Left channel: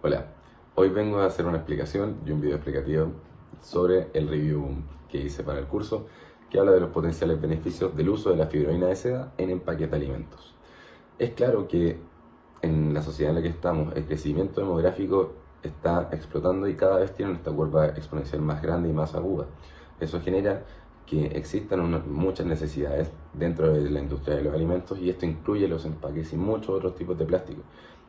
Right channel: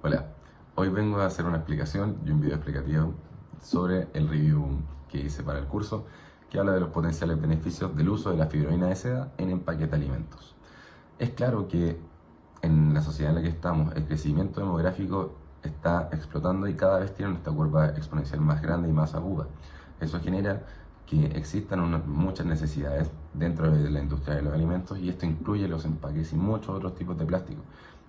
Hola, hoy vengo a hacer una explicación y un video explicativo sobre el review que hice para el curso que habla de los potenciales beneficios del uso de la fibroína de seda en empaques de alimentos. Es claro que en la sociedad en la que estamos el crecimiento demográfico está explotando y cada vez tiene esta curva exponencial más grande y más aguda. Eso genera que existan muchas necesidades dentro de la industria de los alimentos y esto incluye los empaques y muchos otros tipos de plástico.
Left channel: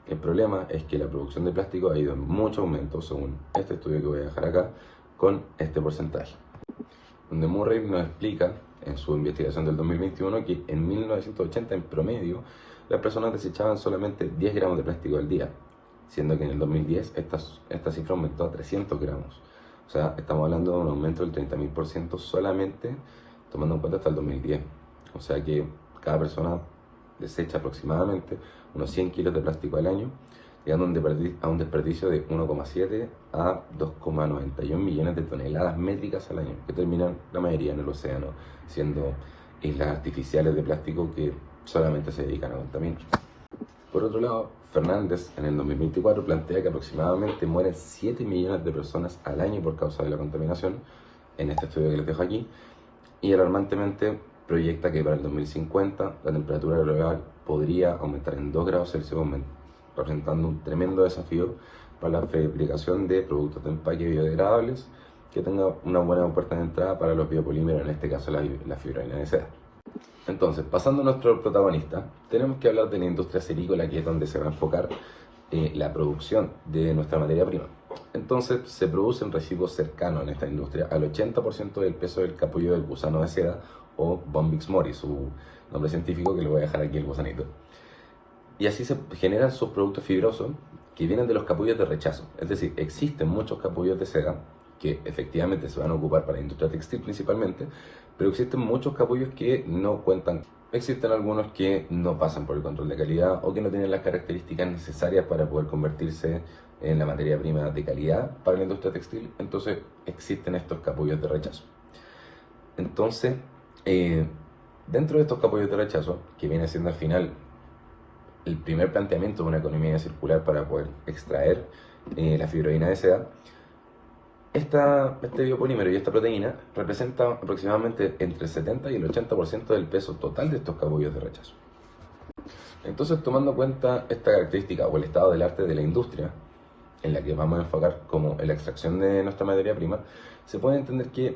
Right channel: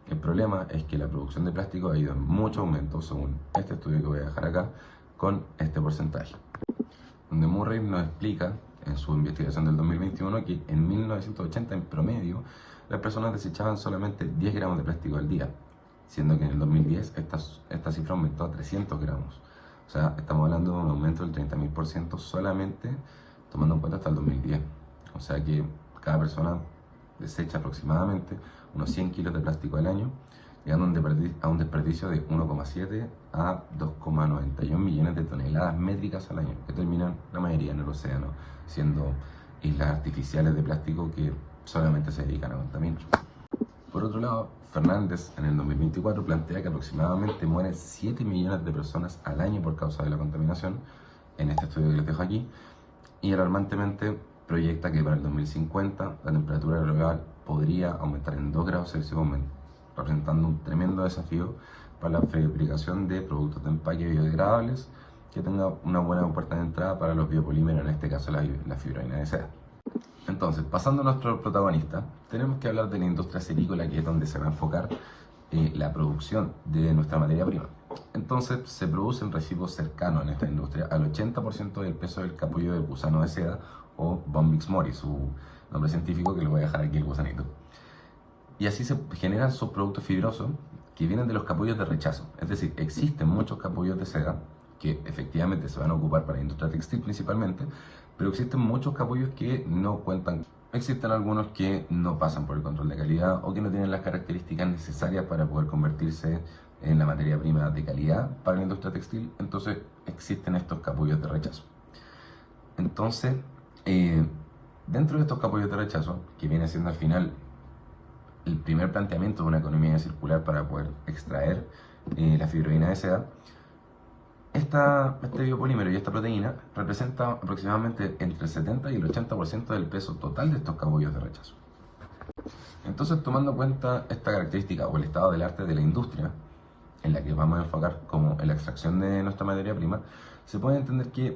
El problema es que la producción de plástico ha ido en mucho aumento, según este estudio que voy a dejar acá, con este porcentaje. Donde Murray nos explica en su investigación del 2021 que en 1980 en promedio las personas desechaban solamente 10 gramos de plástico al día, siendo que en el 2010 esta cifra aumentó a 300 gramos. O sea, estamos hablando de un aumento del 30.000% solamente tomando en cuenta hasta el 2010. O sea que cada persona desecha aproximadamente unos 100 kilos de plástico al año, llegando a un desperdicio de 1,7 a 2,91 millones de toneladas métricas al año, que terminan la mayoría en el océano, siendo islas artificiales de plástico que solamente se dedican a contaminar. Por otro lado, Fernández en el 2024 plantea que aproximadamente mueren 7 millones de personas al año por causa de la contaminación, en este estudio que les dejo aquí, y alarmantemente proyecta que para el 2050 la temperatura global podría aumentar en 2 grados Celsius, representando un tremendo desafío para la fabricación de productos de empaque biodegradables que tenga una buena puerta de entrada para los biopolímeros, en este caso la fibroína de seda. Entonces, pasando a nuestro protagonista, tenemos que hablar de la industria cerícola, que es donde se va a enfocar la producción de nuestra materia prima. Entonces, se producen residuos cercanos en esta industria al 80% del peso del capullo del gusano de seda, o Bombyx mori, su nombre científico, que le voy a dejar aquí el gusanito. Y así se generan subproductos fibrosos que vienen de los capullos de rechazo. Es decir, existen muchos capullos de seda que efectivamente se van a ocupar para la industria textil principalmente, pero existen muchos capullos que no cuentan. Existen algunos que no pasan por el control de calidad o que no tienen las características necesarias para poder convertirse en la materia prima de calidad para la industria textil. Entonces existen estos capullos de rechazo. Entonces, dentro de estos capullos de rechazo, que viene siendo al final el primer planteamiento de una economía circular para poder extraer la fibroína de seda, este biopolímero y esta proteína representa aproximadamente entre el 70 y el 80% del peso total de estos capullos de rechazo. Entonces, tomando en cuenta esta característica o el estado del arte de la industria, en la que vamos a enfocar como en la extracción de nuestra materia prima, se puede entender que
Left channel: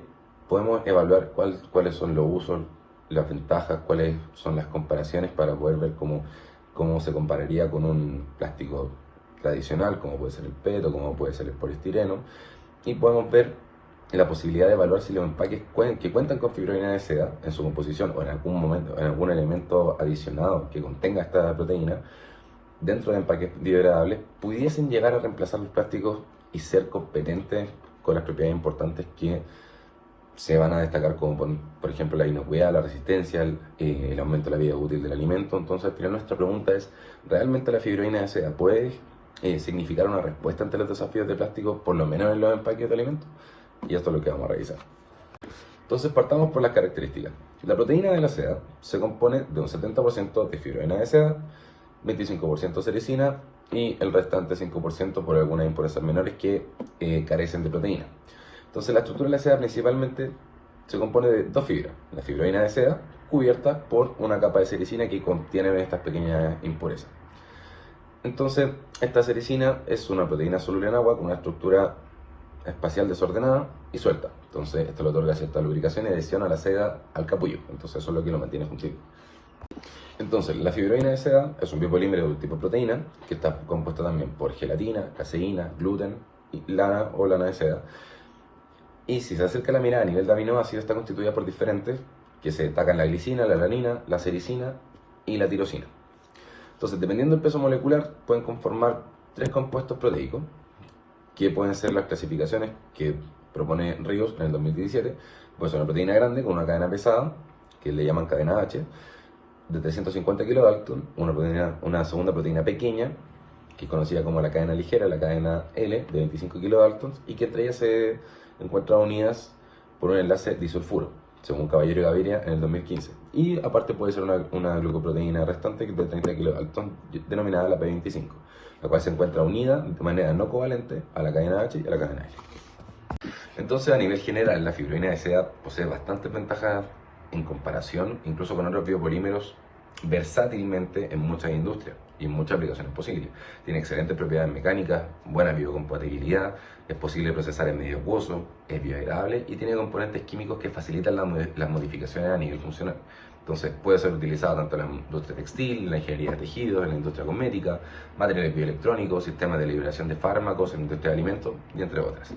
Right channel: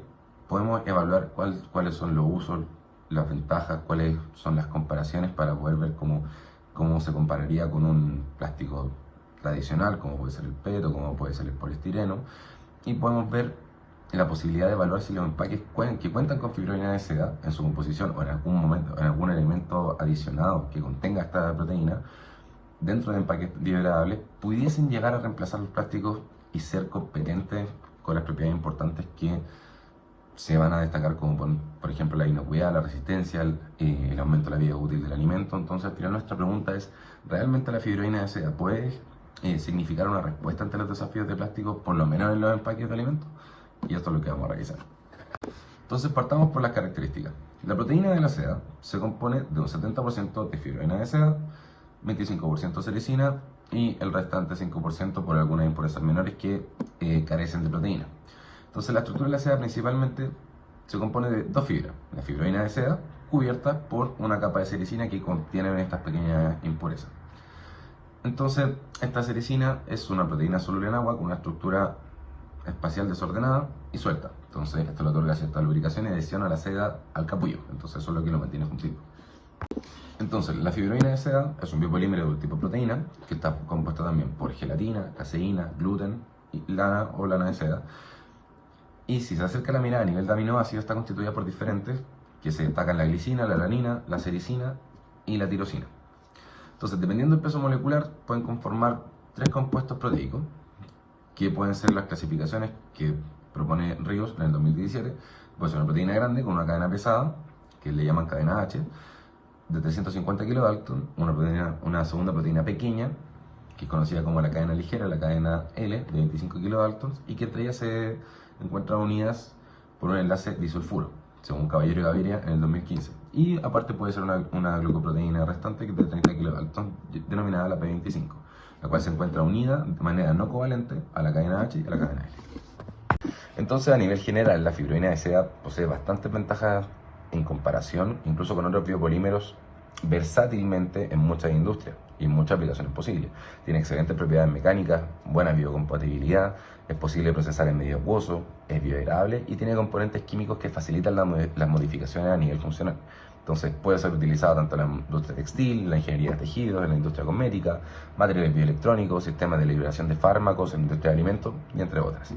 podemos evaluar cuáles son los usos, las ventajas, cuáles son las comparaciones para poder ver cómo se compararía con un plástico tradicional, como puede ser el PET o como puede ser el poliestireno, y podemos ver la posibilidad de evaluar si los empaques que cuentan con fibroína de seda en su composición o en algún momento, en algún elemento adicionado que contenga esta proteína, dentro de empaques biodegradables, pudiesen llegar a reemplazar los plásticos y ser competentes con las propiedades importantes que se van a destacar, como por ejemplo la inocuidad, la resistencia, el aumento de la vida útil del alimento. Entonces, al final nuestra pregunta es, ¿realmente la fibroína de seda puede significar una respuesta ante los desafíos de plástico, por lo menos en los empaques de alimentos? Y esto es lo que vamos a revisar. Entonces, partamos por las características. La proteína de la seda se compone de un 70% de fibroína de seda, 25% sericina y el restante 5% por algunas impurezas menores que carecen de proteína. Entonces, la estructura de la seda principalmente se compone de dos fibras: la fibroína de seda, cubierta por una capa de sericina que contiene estas pequeñas impurezas. Entonces, esta sericina es una proteína soluble en agua con una estructura espacial desordenada y suelta. Entonces, esto le otorga cierta lubricación y adhesión a la seda al capullo. Entonces, eso es lo que lo mantiene juntito. Entonces, la fibroína de seda es un biopolímero del tipo proteína que está compuesta también por gelatina, caseína, gluten, lana o lana de seda. Y si se acerca la mirada a nivel de aminoácidos, está constituida por diferentes que se destacan: la glicina, la alanina, la sericina y la tirosina. Entonces, dependiendo del peso molecular, pueden conformar tres compuestos proteicos, que pueden ser las clasificaciones que propone Ríos en el 2017. Puede ser una proteína grande con una cadena pesada, que le llaman cadena H, de 350 kilodalton, una segunda proteína pequeña, que es conocida como la cadena ligera, la cadena L, de 25 kilodaltons, y que entre ellas se encuentran unidas por un enlace disulfuro, según Caballero y Gaviria en el 2015. Y aparte puede ser una glucoproteína restante de 30 kilodaltons, denominada la P25. la cual se encuentra unida de manera no covalente a la cadena H y a la cadena L. Entonces, a nivel general, la fibroína de seda posee bastantes ventajas en comparación, incluso con otros biopolímeros, versátilmente en muchas industrias y en muchas aplicaciones posibles. Tiene excelentes propiedades mecánicas, buena biocompatibilidad, es posible procesar en medio acuoso, es biodegradable y tiene componentes químicos que facilitan las modificaciones a nivel funcional. Entonces puede ser utilizado tanto en la industria textil, en la ingeniería de tejidos, en la industria cosmética, materiales bioelectrónicos, sistemas de liberación de fármacos, en la industria de alimentos y entre otras.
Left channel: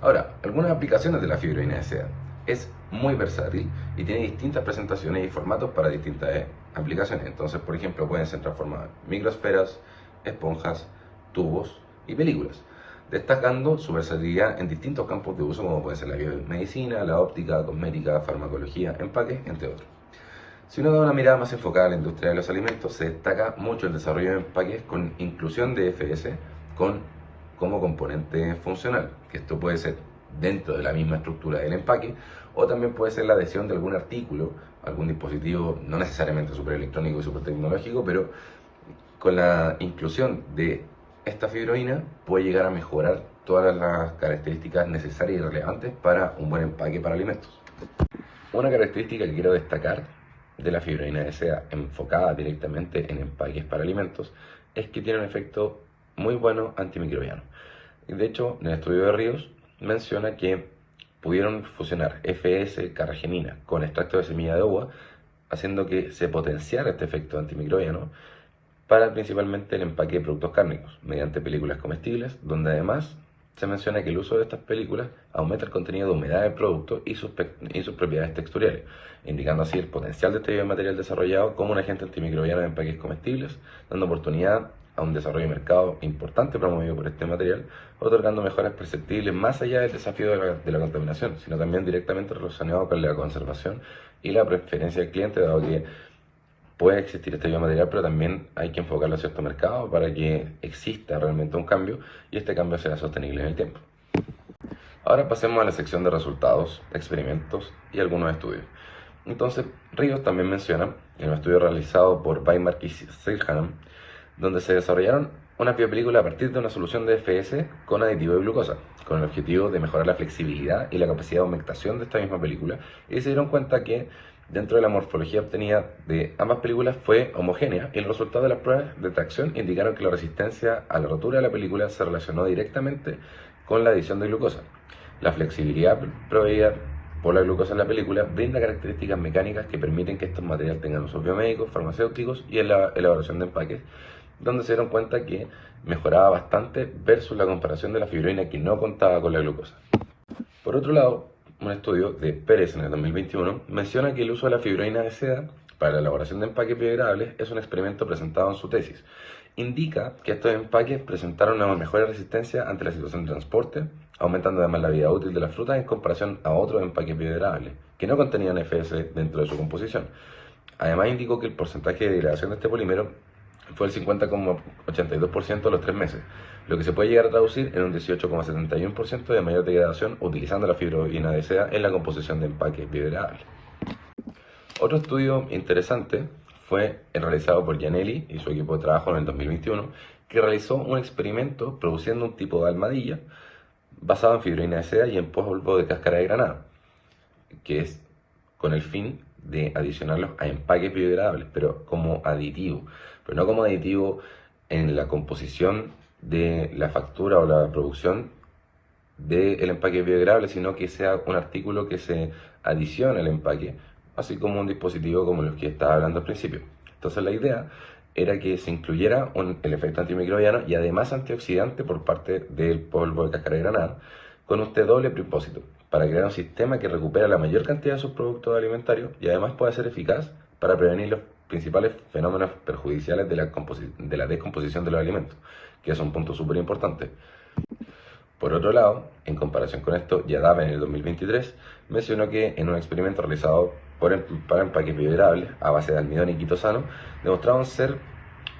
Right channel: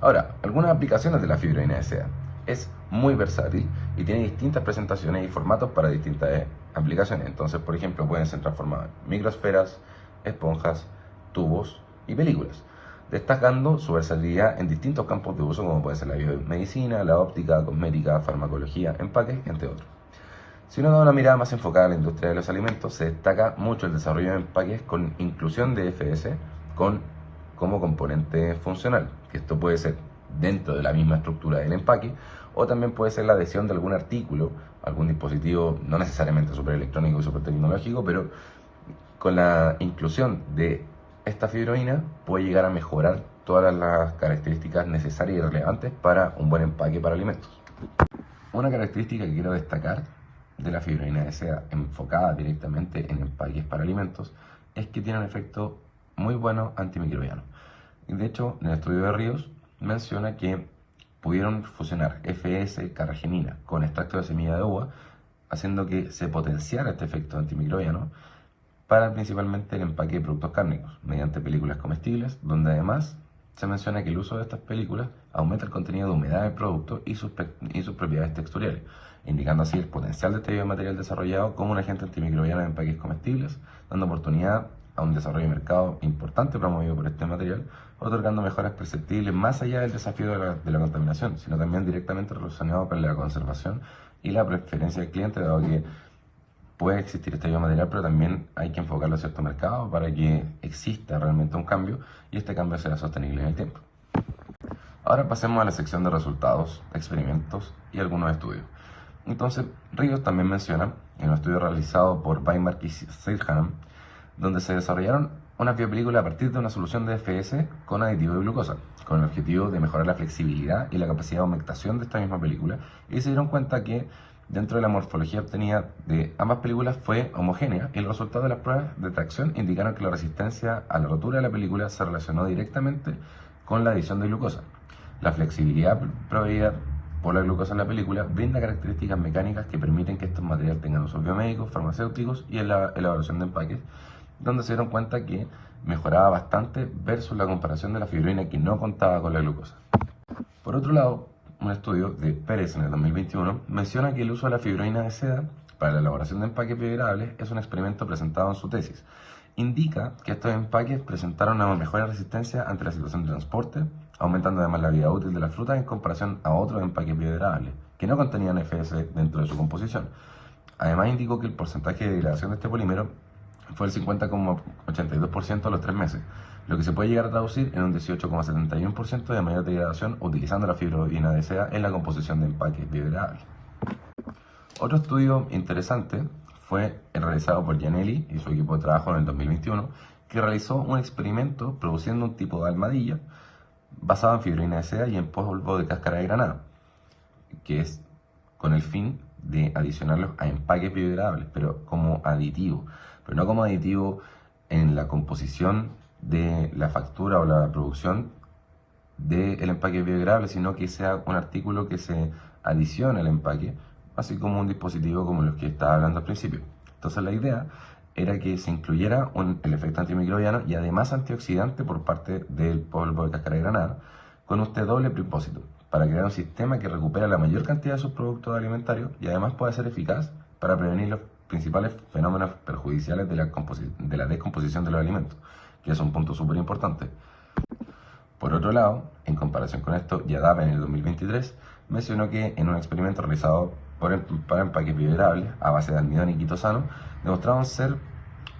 Ahora, algunas aplicaciones de la fibroína de seda. Es muy versátil y tiene distintas presentaciones y formatos para distintas aplicaciones. Entonces, por ejemplo, pueden ser transformadas en microesferas, esponjas, tubos y películas, destacando su versatilidad en distintos campos de uso como pueden ser la biomedicina, la óptica, cosmética, farmacología, empaques, entre otros. Si uno da una mirada más enfocada a la industria de los alimentos, se destaca mucho el desarrollo de empaques con inclusión de FS como componente funcional, que esto puede ser dentro de la misma estructura del empaque, o también puede ser la adhesión de algún artículo, algún dispositivo, no necesariamente superelectrónico y supertecnológico, pero con la inclusión de esta fibroína puede llegar a mejorar todas las características necesarias y relevantes para un buen empaque para alimentos. Una característica que quiero destacar de la fibroína de seda enfocada directamente en empaques para alimentos es que tiene un efecto muy bueno antimicrobiano. De hecho, en el estudio de Ríos menciona que pudieron fusionar FS carragenina con extracto de semilla de uva, haciendo que se potenciara este efecto antimicrobiano para principalmente el empaque de productos cárnicos, mediante películas comestibles, donde además se menciona que el uso de estas películas aumenta el contenido de humedad del producto y sus propiedades texturales, indicando así el potencial de este biomaterial desarrollado como un agente antimicrobiano de empaques comestibles, dando oportunidad a un desarrollo de mercado importante promovido por este material, otorgando mejoras perceptibles más allá del desafío de la contaminación, sino también directamente relacionado con la conservación y la preferencia del cliente, dado que puede existir este biomaterial, pero también hay que enfocarlo a cierto mercado para que exista realmente un cambio y este cambio sea sostenible en el tiempo. Ahora pasemos a la sección de resultados, experimentos y algunos estudios. Entonces, Ríos también menciona en un estudio realizado por Weimar y Sirhanam, donde se desarrollaron una biopelícula a partir de una solución de FS con aditivo de glucosa, con el objetivo de mejorar la flexibilidad y la capacidad de humectación de esta misma película, y se dieron cuenta que dentro de la morfología obtenida de ambas películas fue homogénea y el resultado de las pruebas de tracción indicaron que la resistencia a la rotura de la película se relacionó directamente con la adición de glucosa. La flexibilidad proveída por la glucosa en la película brinda características mecánicas que permiten que estos materiales tengan usos biomédicos, farmacéuticos y en la elaboración de empaques, donde se dieron cuenta que mejoraba bastante versus la comparación de la fibroína que no contaba con la glucosa. Por otro lado, un estudio de Pérez en el 2021 menciona que el uso de la fibroína de seda para la elaboración de empaques biodegradables es un experimento presentado en su tesis. Indica que estos empaques presentaron una mejor resistencia ante la situación de transporte, aumentando además la vida útil de las frutas en comparación a otros empaques biodegradables, que no contenían FS dentro de su composición. Además indicó que el porcentaje de degradación de este polímero fue el 50,82% a los 3 meses, lo que se puede llegar a traducir en un 18,71% de mayor degradación utilizando la fibroína de seda en la composición de empaques biodegradables. Otro estudio interesante fue el realizado por Gianelli y su equipo de trabajo en el 2021, que realizó un experimento produciendo un tipo de almohadilla basado en fibroína de seda y en polvo de cáscara de granada, que es con el fin de adicionarlos a empaques biodegradables, pero como aditivo, pero no como aditivo en la composición de la factura o la producción del empaque biodegradable, sino que sea un artículo que se adicione al empaque, así como un dispositivo como los que estaba hablando al principio. Entonces la idea era que se incluyera el efecto antimicrobiano y además antioxidante por parte del polvo de cáscara de granada, con este doble propósito, para crear un sistema que recupera la mayor cantidad de sus productos alimentarios y además pueda ser eficaz para prevenir los principales fenómenos perjudiciales de la descomposición de los alimentos, que es un punto súper importante. Por otro lado, en comparación con esto, Yadav en el 2023 mencionó que en un experimento realizado para empaques biodegradables a base de almidón y quitosano, demostraron ser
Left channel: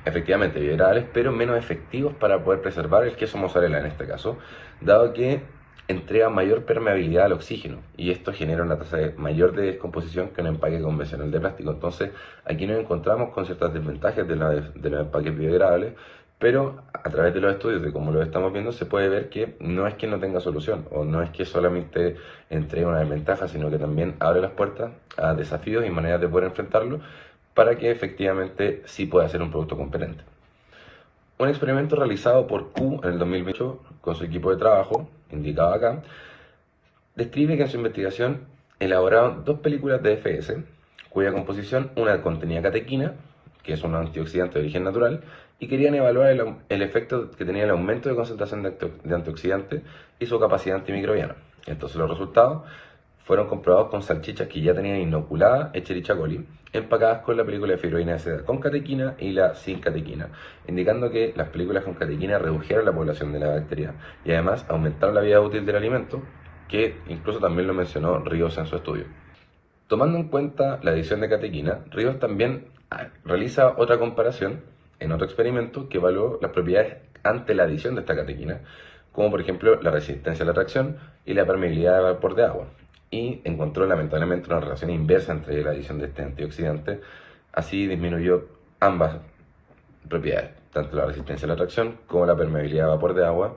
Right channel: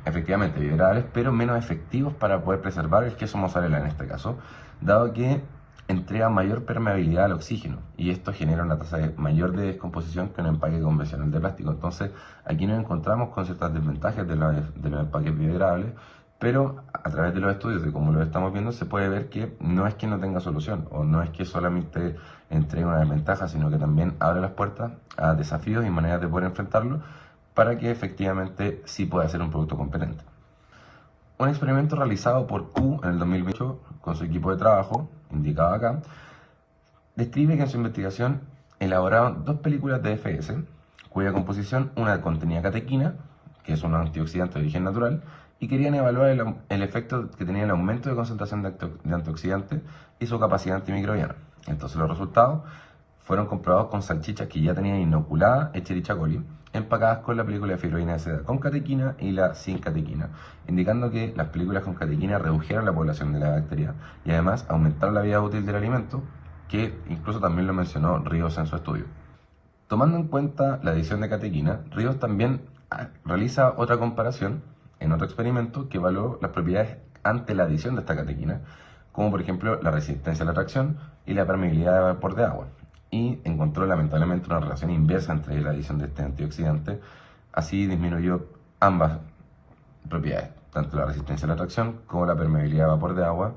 efectivamente biodegradables, pero menos efectivos para poder preservar el queso mozzarella en este caso, dado que entrega mayor permeabilidad al oxígeno y esto genera una tasa mayor de descomposición que un empaque convencional de plástico. Entonces aquí nos encontramos con ciertas desventajas de los empaques biodegradables, Pero a través de los estudios, de cómo lo estamos viendo, se puede ver que no es que no tenga solución o no es que solamente entregue una desventaja, sino que también abre las puertas a desafíos y maneras de poder enfrentarlo para que efectivamente sí pueda ser un producto competente. Un experimento realizado por Q en el 2028 con su equipo de trabajo, indicado acá, describe que en su investigación elaboraron dos películas de FS, cuya composición una contenía catequina, que es un antioxidante de origen natural, y querían evaluar el efecto que tenía el aumento de concentración de antioxidante y su capacidad antimicrobiana. Entonces los resultados fueron comprobados con salchichas que ya tenían inoculada Escherichia coli, empacadas con la película de fibroína de seda con catequina y la sin catequina, indicando que las películas con catequina redujeron la población de la bacteria y además aumentaron la vida útil del alimento, que incluso también lo mencionó Ríos en su estudio. Tomando en cuenta la adición de catequina, Ríos también realiza otra comparación en otro experimento que evaluó las propiedades ante la adición de esta catequina, como por ejemplo la resistencia a la tracción y la permeabilidad de vapor de agua, y encontró lamentablemente una relación inversa entre la adición de este antioxidante. Así disminuyó ambas propiedades, tanto la resistencia a la tracción como la permeabilidad de vapor de agua,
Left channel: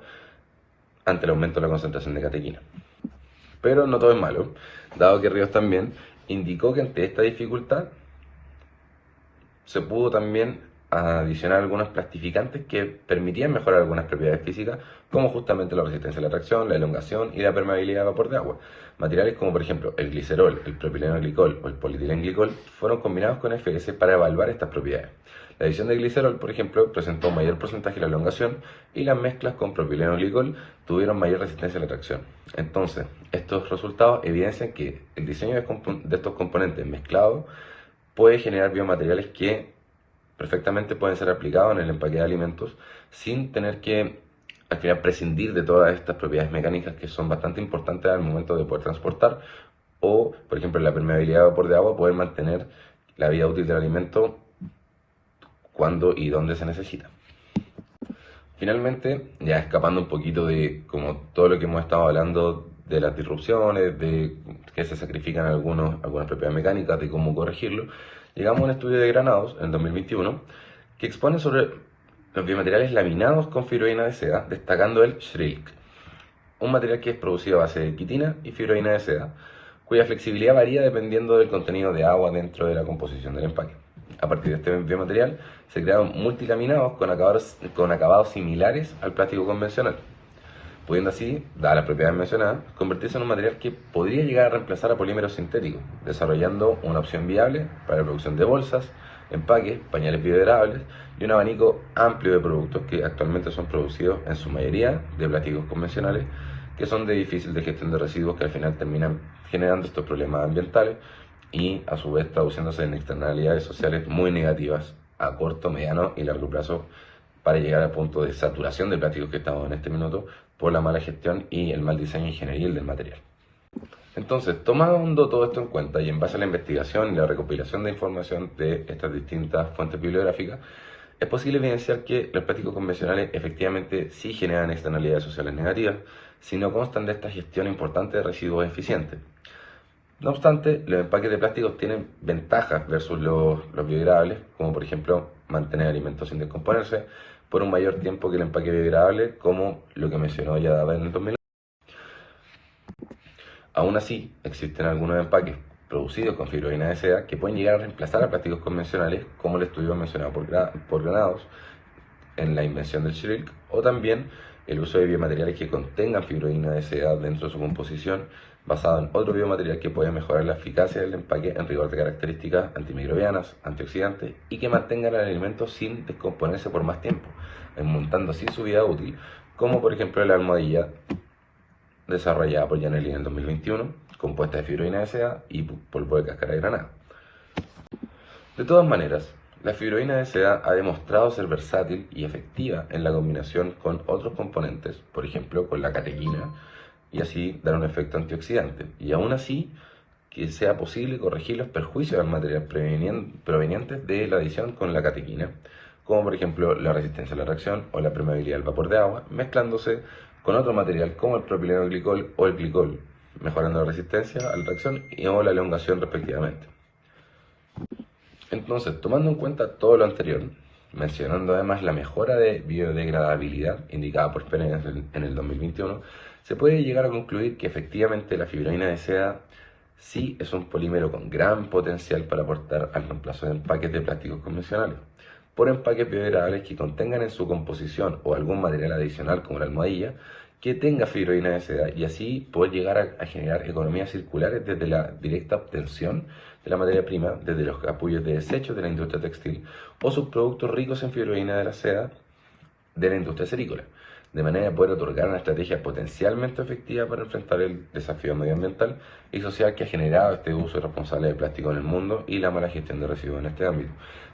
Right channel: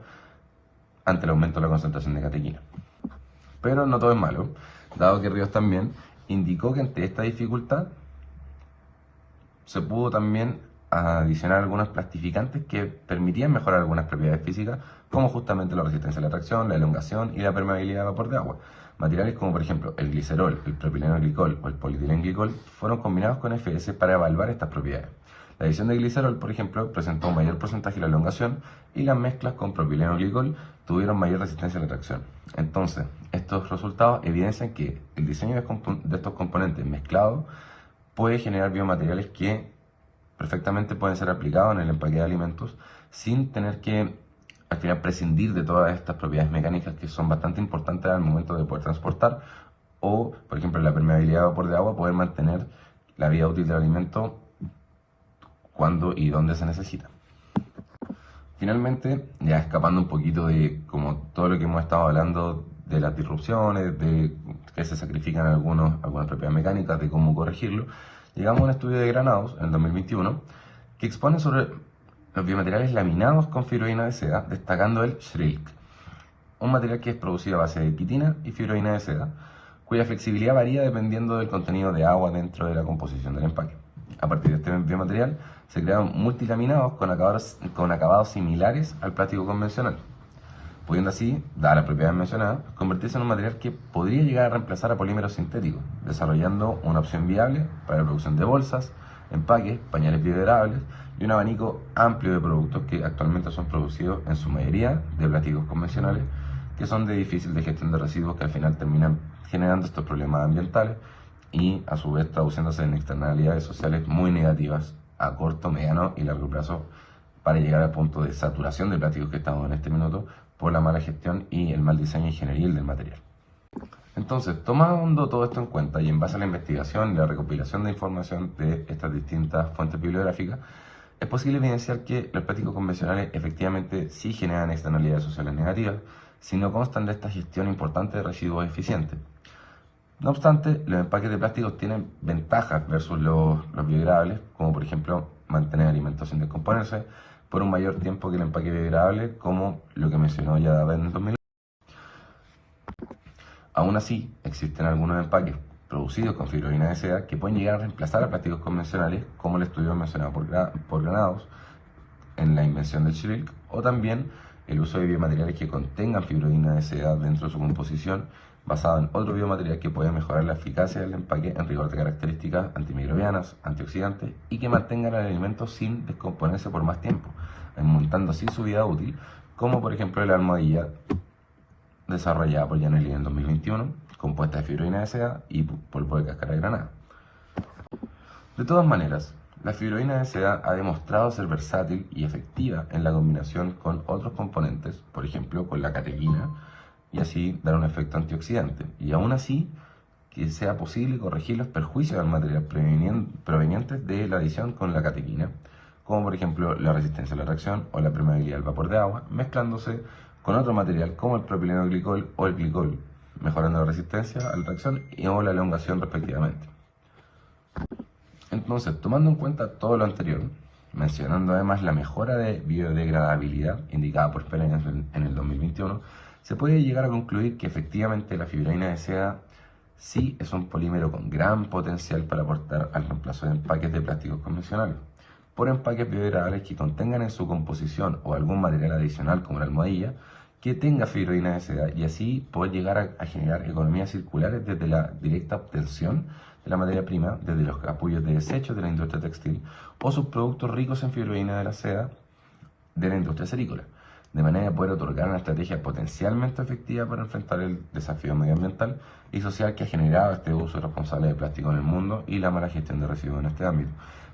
ante el aumento de la concentración de catequina. Pero no todo es malo, dado que Ríos también indicó que ante esta dificultad se pudo también adicionar algunos plastificantes que permitían mejorar algunas propiedades físicas, como justamente la resistencia a la tracción, la elongación y la permeabilidad de vapor de agua. Materiales como por ejemplo el glicerol, el propilenoglicol o el polietilenglicol fueron combinados con FS para evaluar estas propiedades. La adición de glicerol, por ejemplo, presentó un mayor porcentaje de la elongación y las mezclas con propilenoglicol tuvieron mayor resistencia a la tracción. Entonces, estos resultados evidencian que el diseño de estos componentes mezclados puede generar biomateriales que perfectamente pueden ser aplicados en el empaque de alimentos sin tener que al final prescindir de todas estas propiedades mecánicas que son bastante importantes al momento de poder transportar, o por ejemplo la permeabilidad de vapor de agua, poder mantener la vida útil del alimento cuando y donde se necesita. Finalmente, ya escapando un poquito de como todo lo que hemos estado hablando de las disrupciones, de que se sacrifican algunas propiedades mecánicas, de cómo corregirlo, llegamos a un estudio de Granados en 2021 que expone sobre los biomateriales laminados con fibroína de seda, destacando el Schrilk, un material que es producido a base de quitina y fibroína de seda, cuya flexibilidad varía dependiendo del contenido de agua dentro de la composición del empaque. A partir de este biomaterial se crearon multilaminados con acabados similares al plástico convencional, pudiendo así, dadas las propiedades mencionadas, convertirse en un material que podría llegar a reemplazar a polímeros sintéticos, desarrollando una opción viable para la producción de bolsas, empaques, pañales biodegradables y un abanico amplio de productos que actualmente son producidos en su mayoría de plásticos convencionales, que son de difícil de gestión de residuos, que al final terminan generando estos problemas ambientales y a su vez traduciéndose en externalidades sociales muy negativas a corto, mediano y largo plazo, para llegar al punto de saturación de plásticos que estamos en este minuto por la mala gestión y el mal diseño ingenieril del material. Entonces, tomando todo esto en cuenta y en base a la investigación y la recopilación de información de estas distintas fuentes bibliográficas, es posible evidenciar que los plásticos convencionales efectivamente sí generan externalidades sociales negativas si no constan de esta gestión importante de residuos eficientes. No obstante, los empaques de plásticos tienen ventajas versus los biodegradables, como por ejemplo mantener alimentos sin descomponerse por un mayor tiempo que el empaque biodegradable, como lo que mencionó ya en el 2000. Aún así, existen algunos empaques producidos con fibroína de seda que pueden llegar a reemplazar a plásticos convencionales, como el estudio mencionado por Granados en la invención del Schrilk, o también el uso de biomateriales que contengan fibroína de seda dentro de su composición, basado en otro biomaterial que puede mejorar la eficacia del empaque en rigor de características antimicrobianas, antioxidantes y que mantengan el alimento sin descomponerse por más tiempo, aumentando así su vida útil, como por ejemplo la almohadilla desarrollada por Janelli en el 2021, compuesta de fibroína de seda y polvo de cáscara de granada. De todas maneras, la fibroína de seda ha demostrado ser versátil y efectiva en la combinación con otros componentes, por ejemplo con la catequina, y así dar un efecto antioxidante. Y aún así, que sea posible corregir los perjuicios del material provenientes de la adición con la catequina, como por ejemplo la resistencia a la reacción o la permeabilidad del vapor de agua, mezclándose con otro material como el propilenoglicol o el glicol, mejorando la resistencia a la reacción o la elongación respectivamente. Entonces, tomando en cuenta todo lo anterior, mencionando además la mejora de biodegradabilidad indicada por Pérez en el 2021, se puede llegar a concluir que efectivamente la fibroína de seda sí es un polímero con gran potencial para aportar al reemplazo de empaques de plásticos convencionales por empaques biodegradables que contengan en su composición o algún material adicional como la almohadilla que tenga fibroína de seda y así poder llegar a generar economías circulares desde la directa obtención de la materia prima, desde los capullos de desechos de la industria textil o subproductos ricos en fibroína de la seda de la industria cerícola, de manera de poder otorgar una estrategia potencialmente efectiva para enfrentar el desafío medioambiental y social que ha generado este uso irresponsable de plástico en el mundo y la mala gestión de residuos en este ámbito.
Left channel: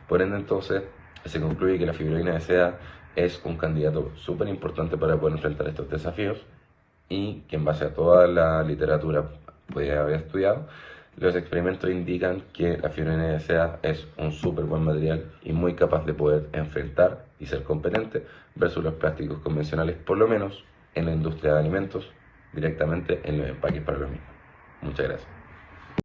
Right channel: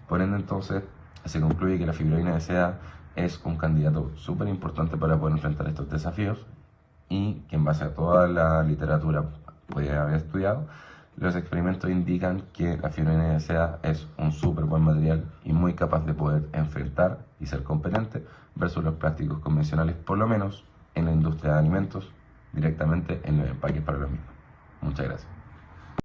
Por ende, entonces, se concluye que la fibroína de seda es un candidato súper importante para poder enfrentar estos desafíos y que en base a toda la literatura puede haber estudiado, los experimentos indican que la fibroína de seda es un súper buen material y muy capaz de poder enfrentar y ser competente versus los plásticos convencionales, por lo menos en la industria de alimentos, directamente en los empaques para los mismos. Muchas gracias.